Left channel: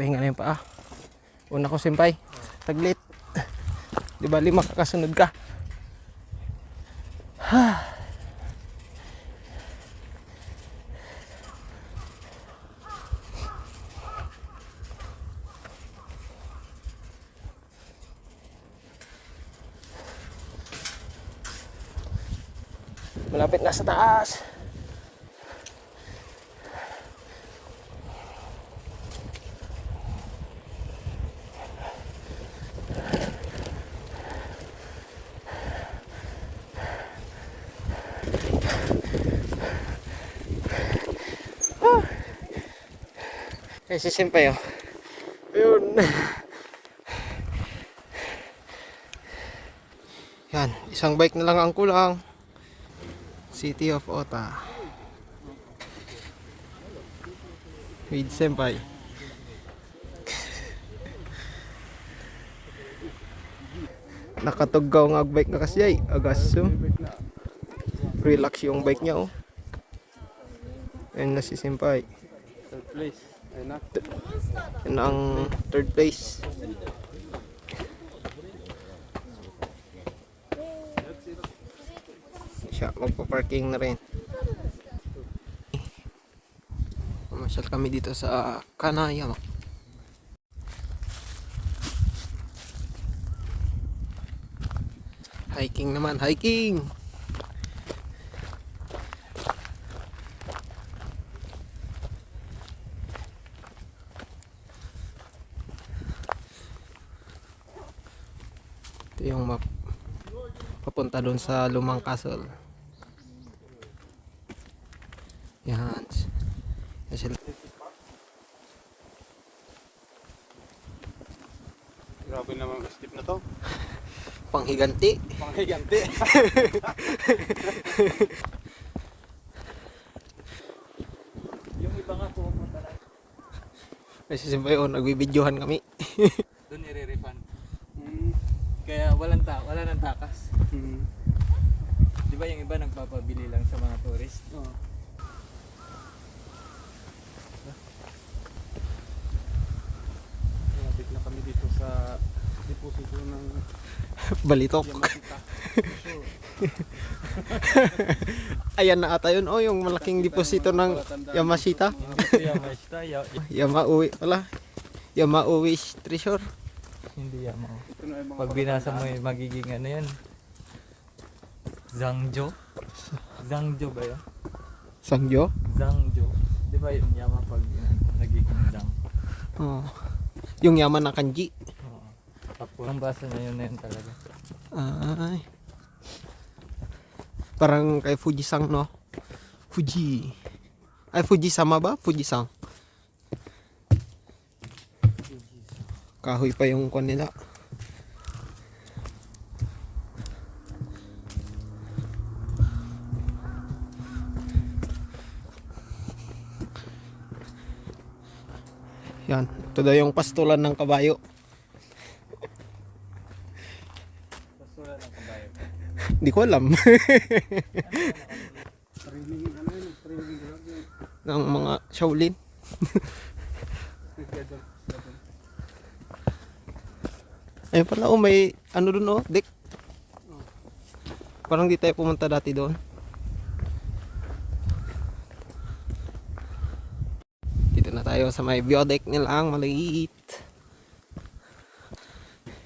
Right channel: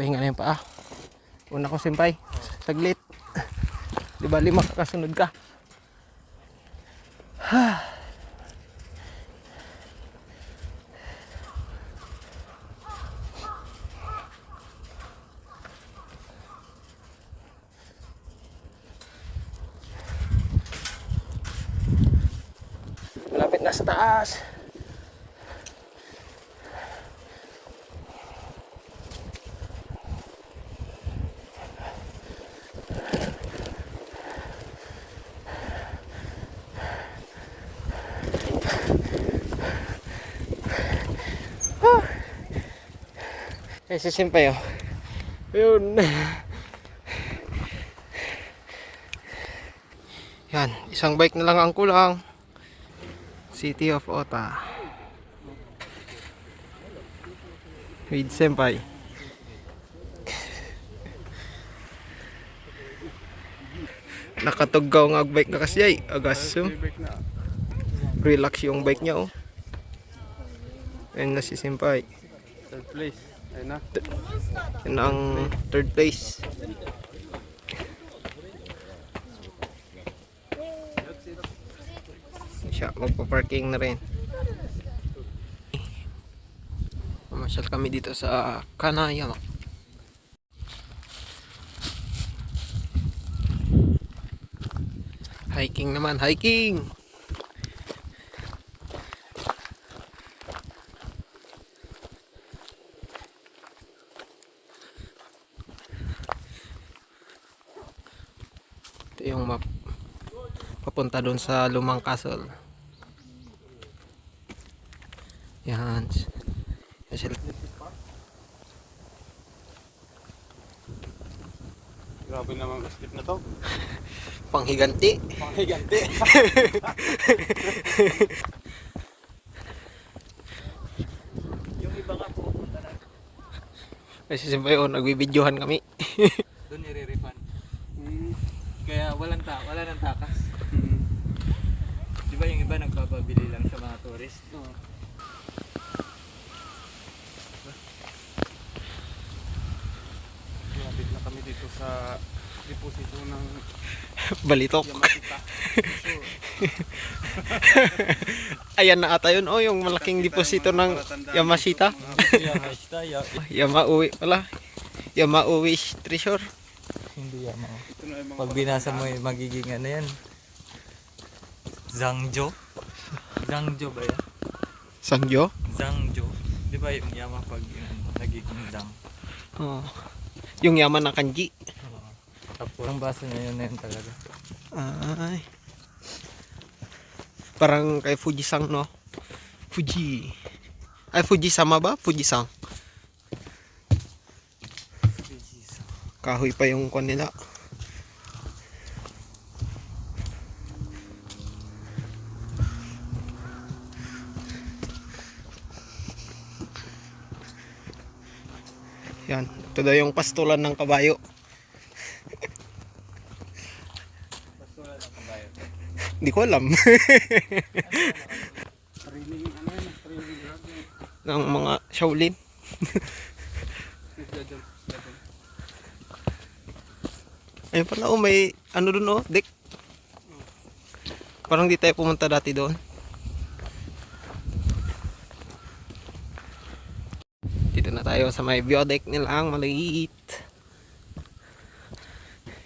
Pahinga na yung paa. Una ko simpay. Saglit. Di ba lima kakasunod ka? Malapit na sa taas. Kasi simpay oh. Ayun. Yan, isang bike na lang ang kulang. City of Ota. With senpai. Nakatuggaw ng bike na kasi ay agaso. Relax yung bike niya oh. Ayun na si senpai. Third place. Ayun na. Yan ang third place. Siya, magpa-parking na rin. Mamasyal kami dito sa Kanaya. Hiking naman, hiking! Ito yung map papunta doon sa Lumang Castle. Yan. Grabe naman ang skip na to. Panghiganti. Panghiganti. Yung iba nga pumunta na. Kasi siyempre yun, nagbibidyohan kami. Doon nire-refund. Kaya wala nang takas. Di ba yung iba nagpapabili lang sa mga tourist? Oo. Lapit na kami dito sa deposito ng Balitok. Yamasita. Ayan na ata yun. Oh, yung malaking deposito ng Yamashita. Yamauwi pala. Yamauwi treasure. Hindi yan. Ito na yung mga Pag binasa mo yung magiging ano yan. Zhangzhou? Zhangzhou ba yan? Sangyo? Zhangzhou. Di ba yung yaman pag nagiging Zhang? Oh. Yung yaman na kanji. Tapos yung basa na yun talaga. Ay. Parang kay Fujisang no? Fuji. Ay Fujisama ba? Fujisang. Kahoy pa yung kon nila. Yan. Ito daw yung pastulan ng kabayo. Pastoral ng kabayo. Hindi ko alam. training, ano yun, training grabe. Ng mga Shaolin. Nagja-jump. Ayun pala oh, may ano dun oh, deck. Parang di tayo pumunta dati doon. Dito na tayo sa may view deck nila ang maliit.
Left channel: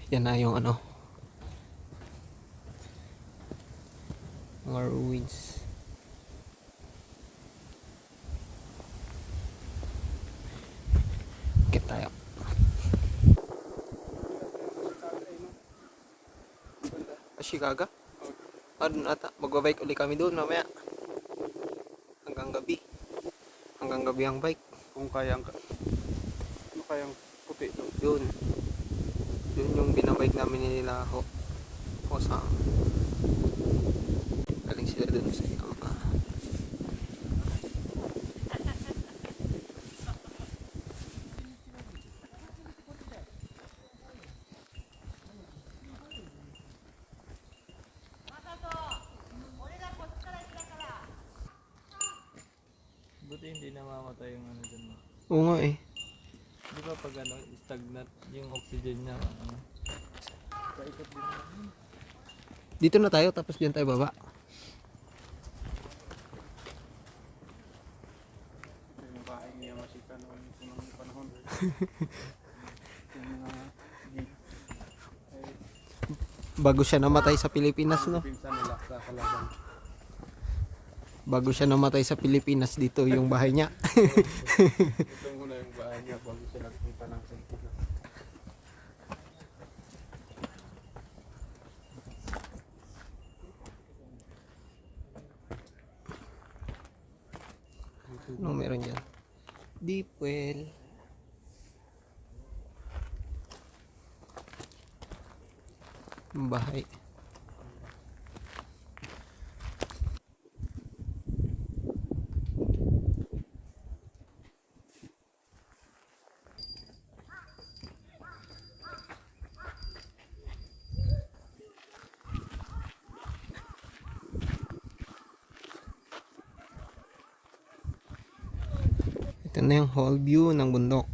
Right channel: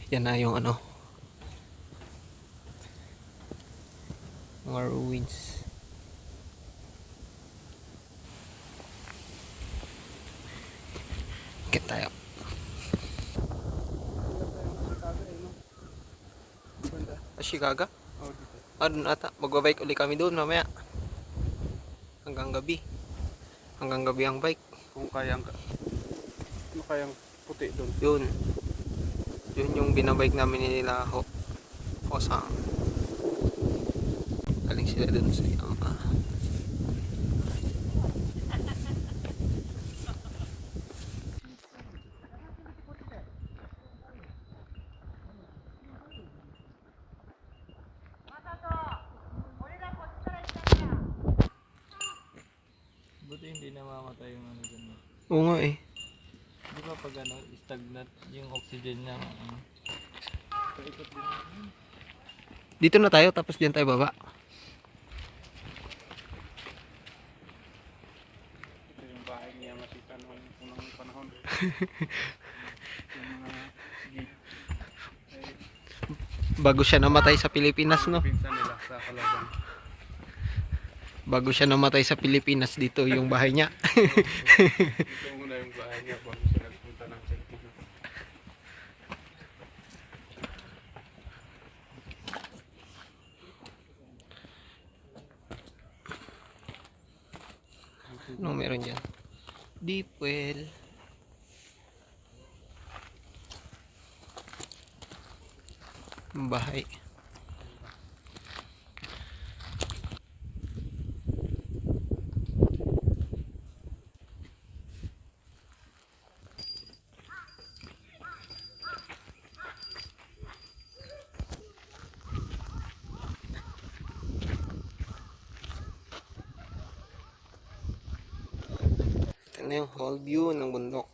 Yan na yung ano. Mga ruins. Get tayo. Ashikaga? Doon ata. Magbabike ulit kami doon mamaya. Hanggang gabi. Hanggang gabi ang bike. Kung kayang puti doon. Yun. Yun yung binabike namin nila Hosang. Galing sila doon sa Yama. Buti hindi namamatay yung ano dun. Oo nga eh. Di ba pag ano, stagnant yung oxygen niya. Paikot din namin. Dito na tayo, tapos diyan tayo baba. Ito yung bahay niya nakita noong unang panahon. Yung mga gate ay Bago siya namatay sa Pilipinas, no? pinsan nila sa Kalaban. Bago siya namatay sa Pilipinas, dito yung bahay niya. Ito muna yung bahay niya bago siya nagpunta ng Pilipinas. Anong meron dyan? Deep well. Ang bahay. Ito na yung whole view ng bundok.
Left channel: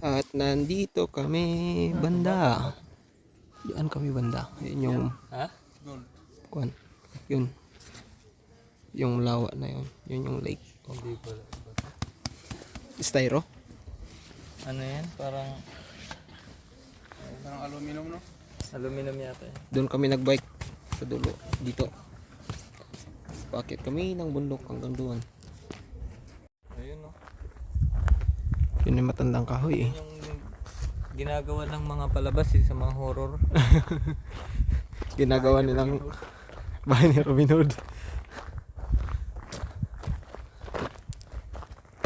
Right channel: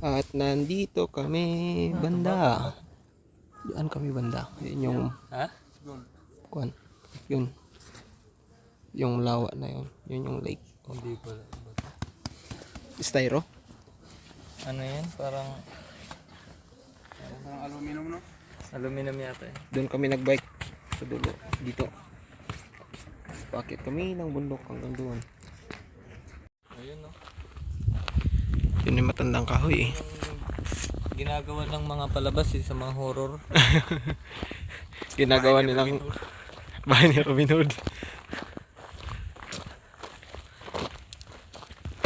At nandito kami banda. Diyan kami banda. Yun yung Ha? kuan. Yun. Yung lawa na yun. Yun yung lake. Hindi pala. Styro. Ano yan? Parang Parang aluminum, no? aluminum yata eh. Doon kami nagbike sa dulo. Dito. Bakit kami ng bundok hanggang doon. Ayun no. Yun yung matandang kahoy eh. Yung ginagawa ng mga palabas eh, sa mga horror. Ginagawa nilang bahay ni Robin Hood.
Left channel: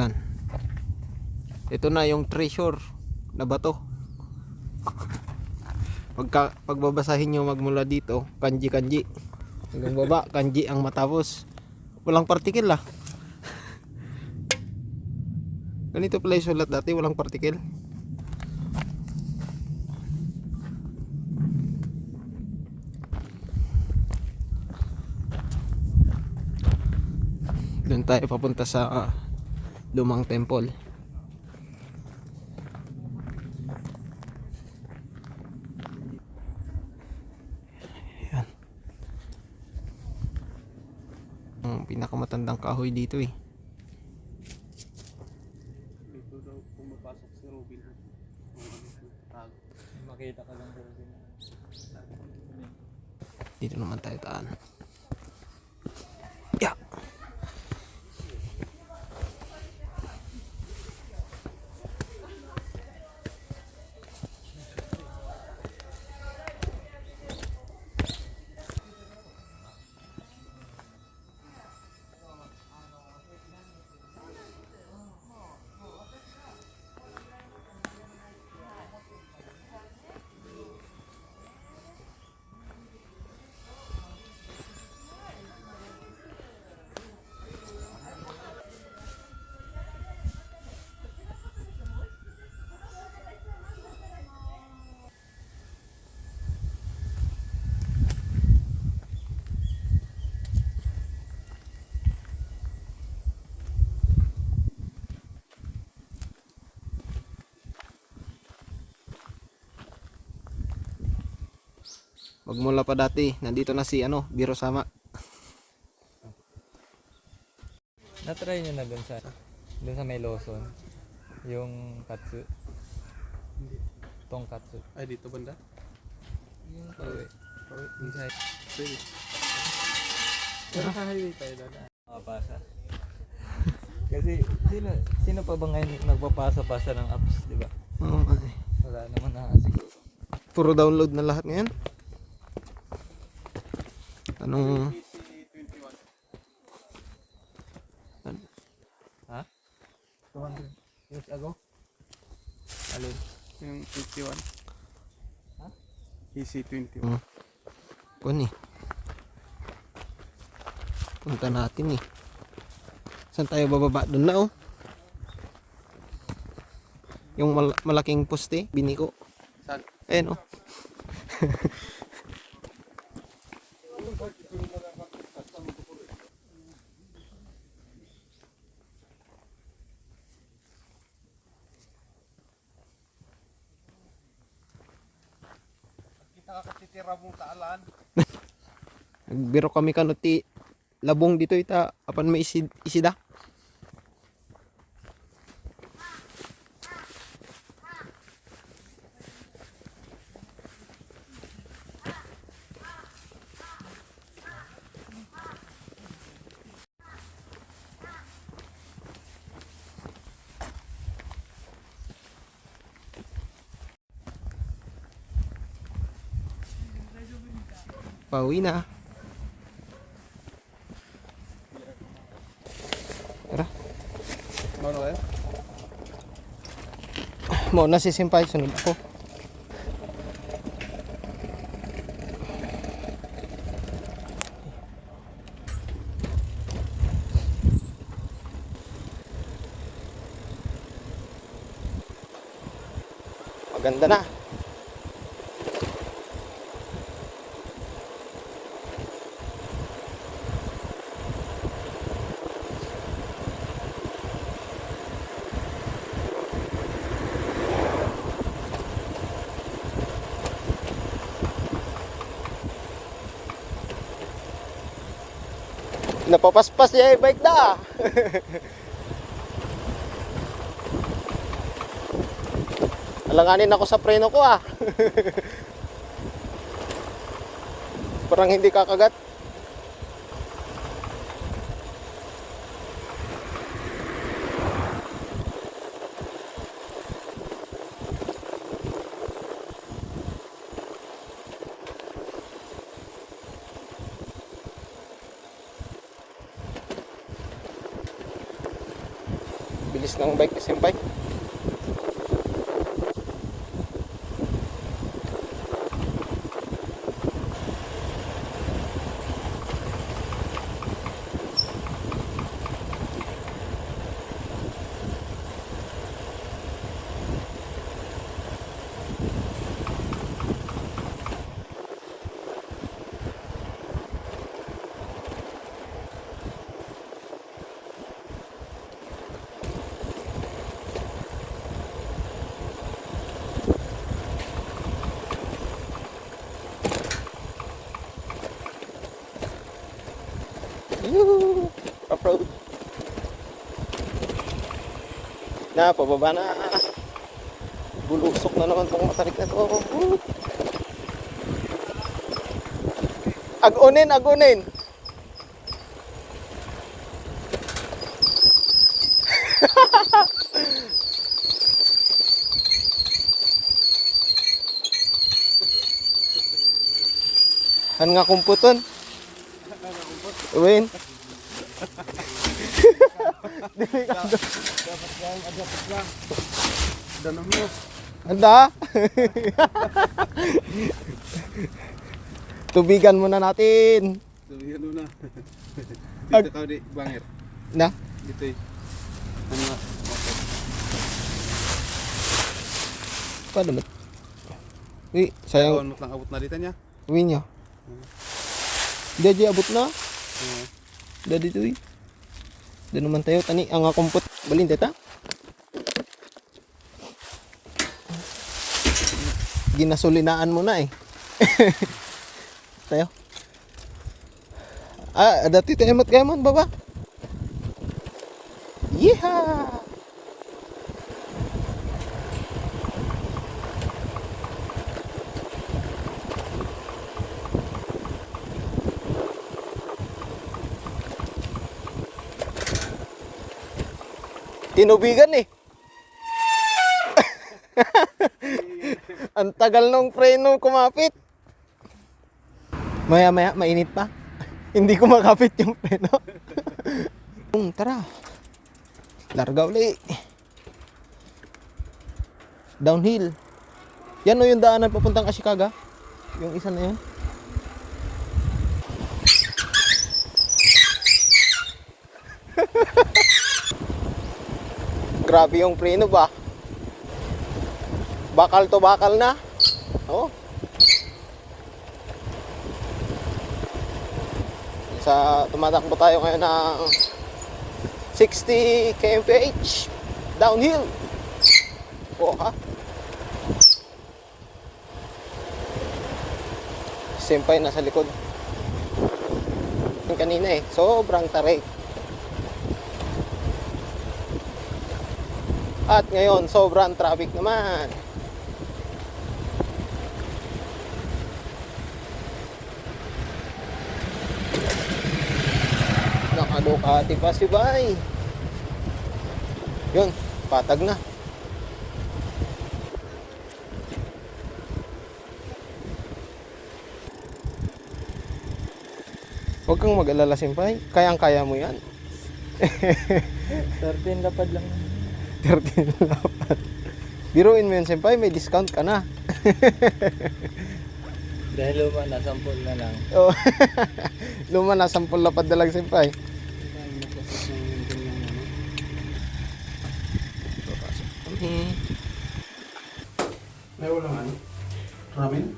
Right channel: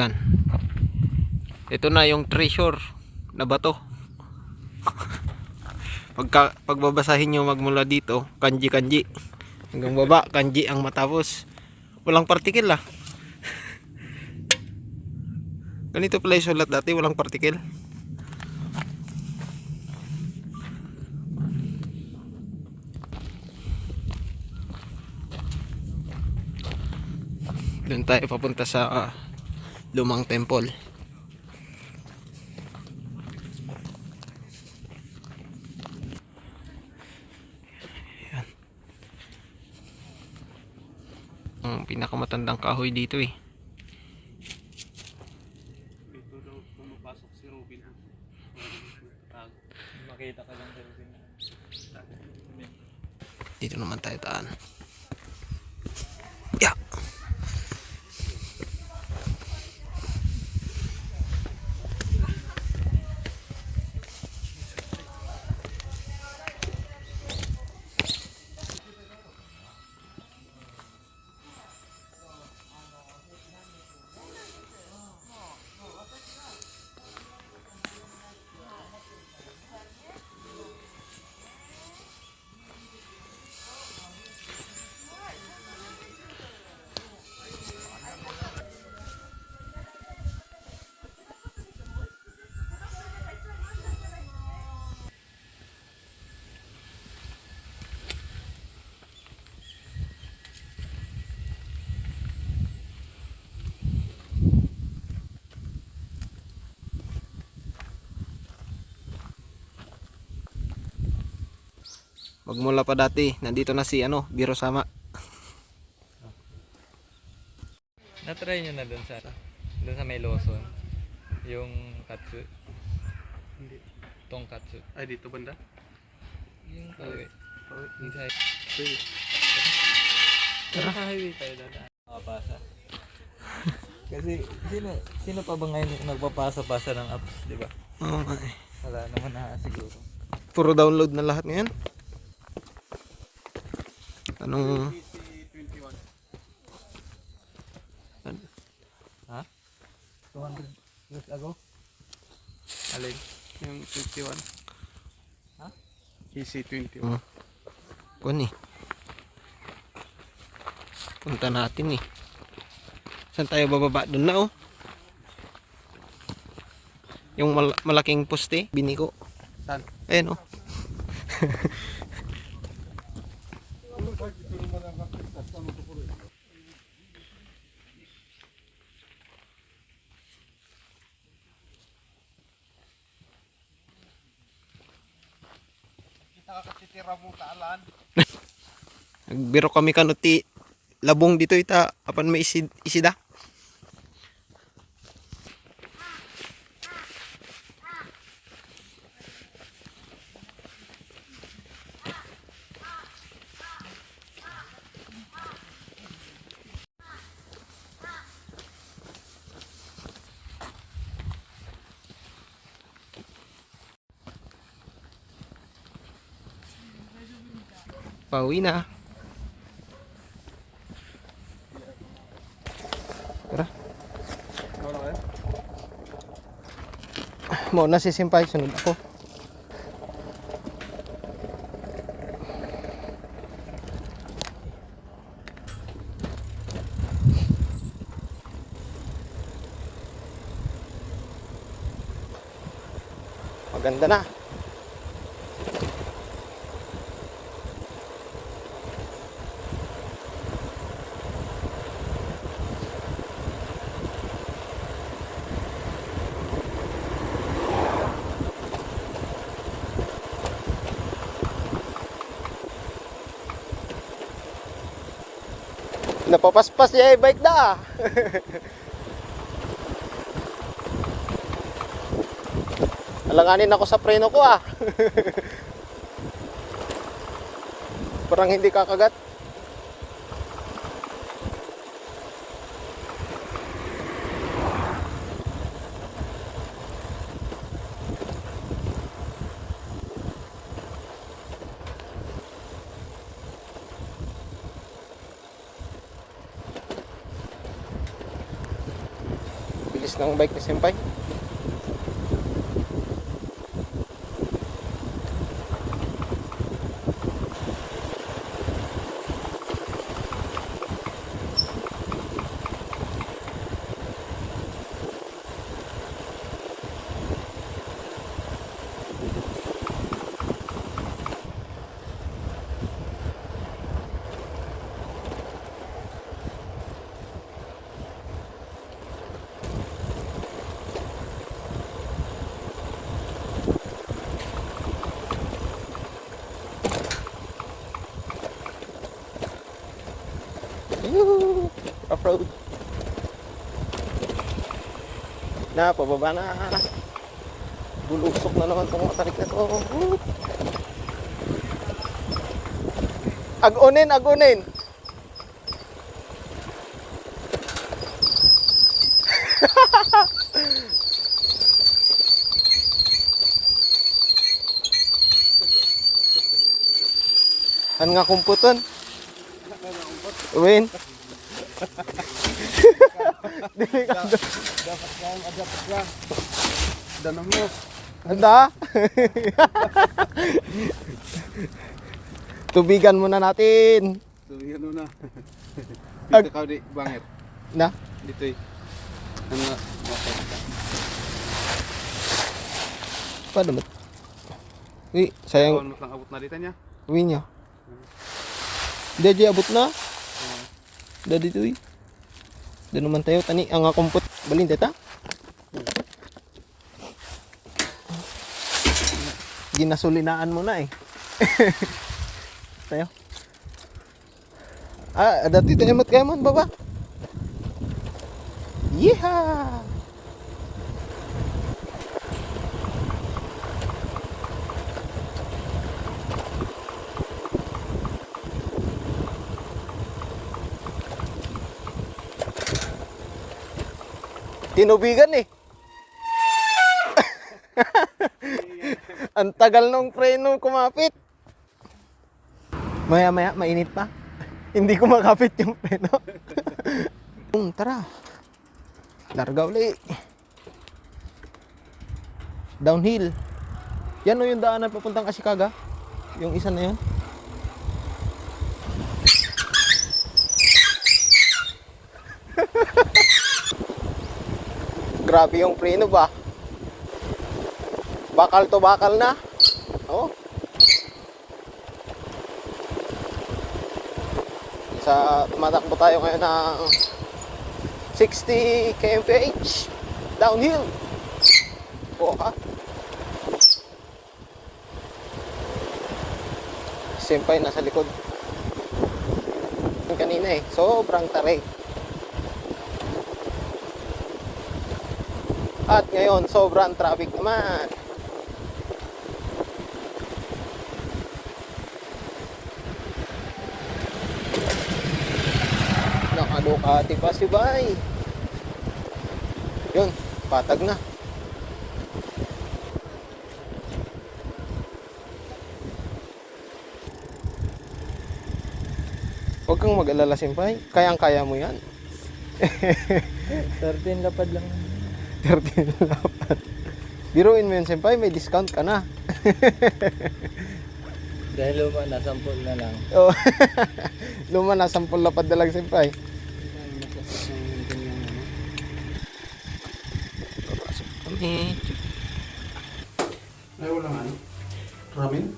Yan. Ito na yung treasure na bato. Pagbabasahin nyo magmula dito, kanji. Hanggang baba, kanji ang matapos. Walang partikel ah. Ganito pala yung sulat dati, walang partikel. Doon tayo papunta sa lumang temple. Yan. Ang pinakamatandang kahoy dito eh. Dito daw pumapasok si Robin Hood. Makita ka lang sa Robin. Dito naman tayo taan. Yeah. Magmula pa dati, nandito na si Biro Sama. Na-try nyo na dun sa may Lawson. Yung katsu. Hindi. Tonkatsu. Ay, dito banda? Yung pawi. Inside. Pwede. Pero sa highway tayo doon. Makapasa. Kasi sino pa ba ngayon nagpapasa-pasa ng apps, di ba? Oo nga eh. Wala naman na siguro. Puro download na lahat ngayon. Anong PC-21. Ha? 200 years ago? Alin? Yung 21. Ha? PC-21. kuan eh. Punta natin eh. Saan tayo bababa? Doon na oh. Yung malaking poste, biniko. Saan? Ayan oh. kira mo taalan. Nagbiro kami kanuti labong dito ita apan may isida. Pauwi na. Tara. Ano eh? Mo na si Simpay, sunod ako. Maganda na. Napapaspas niya yung bike da. Alanganin ako sa preno ko ah. Parang hindi kakagat. Bilis ng bike ni Senpai. Off-road. Na, pababa na. Bulusok na naman itong matarik na ito. Agunin, agunin. Han nga kumputon. Uwin. Dili ka do. Danang mo. Anda. Tubigan muna natin. So, yan na. Ag- Dito ka di bangir. Na? Dito eh. Mga Paano mo? Uy, sayang. Ano lang abot na dito niya? Uwi niya. Hindi, abot na. Dadi to eh. Doon naman tayo. Tani, ang kumput. Balin, teta. Ginasulinaan mo na eh. Tayo. Ah, dati tayo mat kayo man, baba. Yeehaw! Tinubigan eh. Ang tagal nung preno kumapit. Maya mainit pa. Hindi ko makapit yung preno. Tara. Larga ulit. Downhill. Yan o yung daanan papuntang Ashikaga. Yung isa na yan. Grabe yung preno ba? Bakal to bakal na. Oh. Tumatakbo tayo ngayon ng 60 kmph downhill. Oh ha. Senpai nasa likod. Yung kanina eh, sobrang tarik. At ngayon, sobrang traffic naman. Nakadukati pa si Bay. Yun, patag na. Huwag kang mag-alala, Senpai. Kayang-kaya mo yan. 13 lapad lang. 13 lapad. Biruin mo yun, Senpai. May discount ka na. Dahil luma na, 10 na lang. Oh. Luma na, 10 lapad na lang, Senpai. Tayo magkasas ng kanyang ano. Papasok kami. Ay, wala ano. Ramen?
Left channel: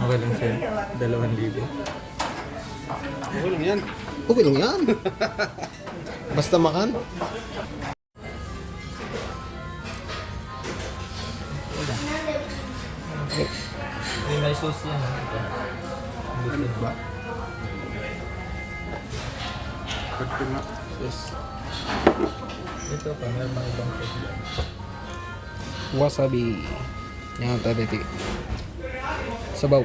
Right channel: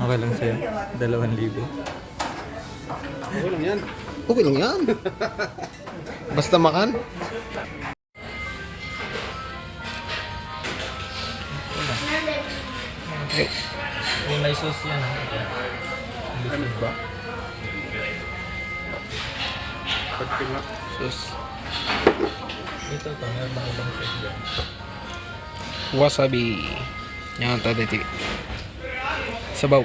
Okay lang sa'yo. 2,000. Okay lang yan. Okay lang yan. Basta makan. Okay. May sauce yan. Ano ba? Pagpil na. Sus. Ito pa, meron na ibang sauce dyan. Wasabi. Yan, taditi. Sabaw.